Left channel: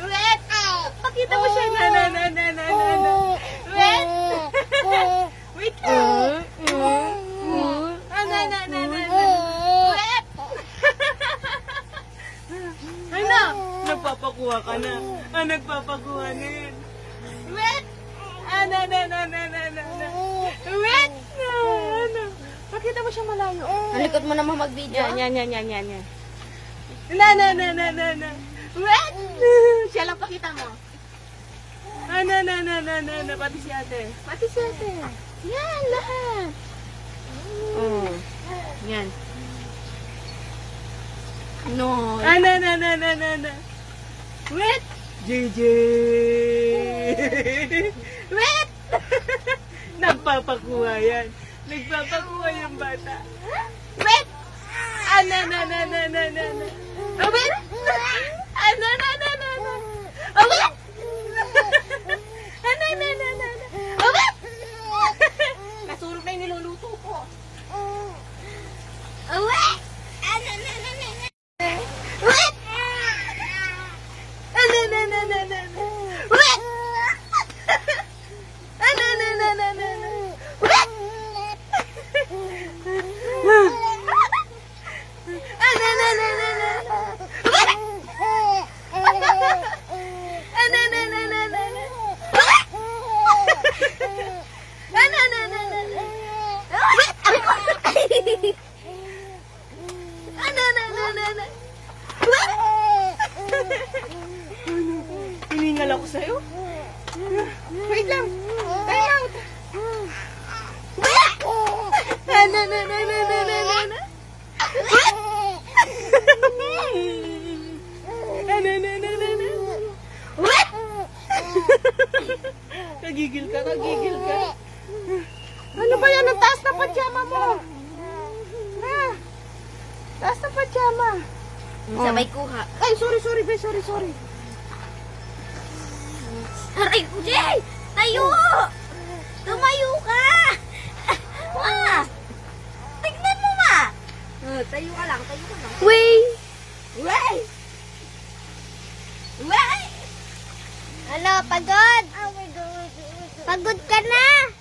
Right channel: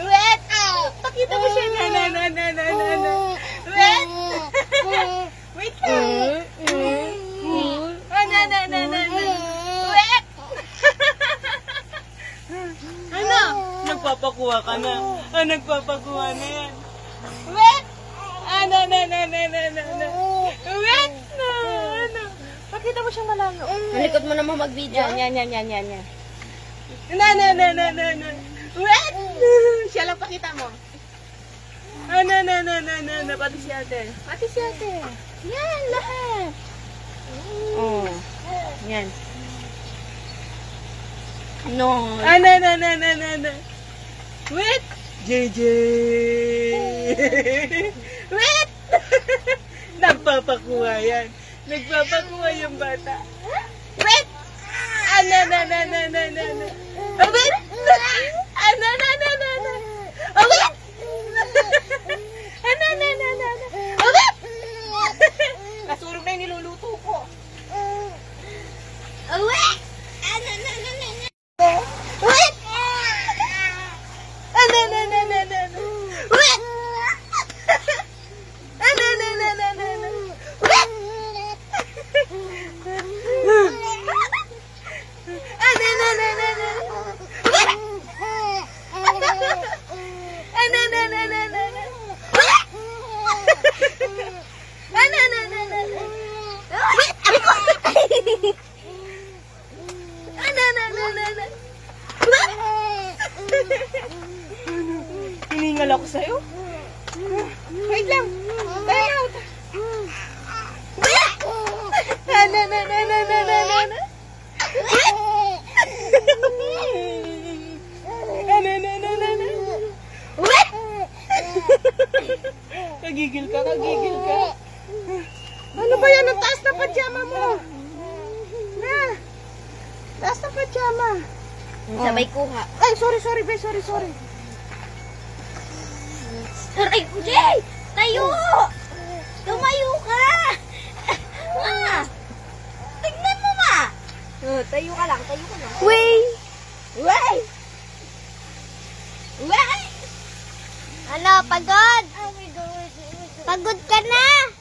Wet! Pakita mo siya. Wet! Wait lang. Wet! Ano? Nagpapakuha ka na. Nagpapakuha na yan. Wet! Wet! Pakita mo siya malayo. Halikot mo naman mag-video. Yan. Wet! Siya lang pakita mo. Pati si ate. Yan, lahat. Oh. Yan. No. Wet! JJ! Wet! Nagpapakuha yan. Nagpapakuha yung bata. Wet! Wet! Wet! Nasurog na yung niluluto ko. Wet! Wet! Hiningal ako sa'yo. Wait lang. Out. Nagigil ka. Ano ba yan? Ang taas na pajama mo. Taas na pajama. Sabay kuha. Ay, sorry, be. Sorry. Aray, Jay! Tayo! Tumayo ka! Tignan mo ba? Tayo ka lang. Wey! Wey! Ano, pagod? Pagod ka na?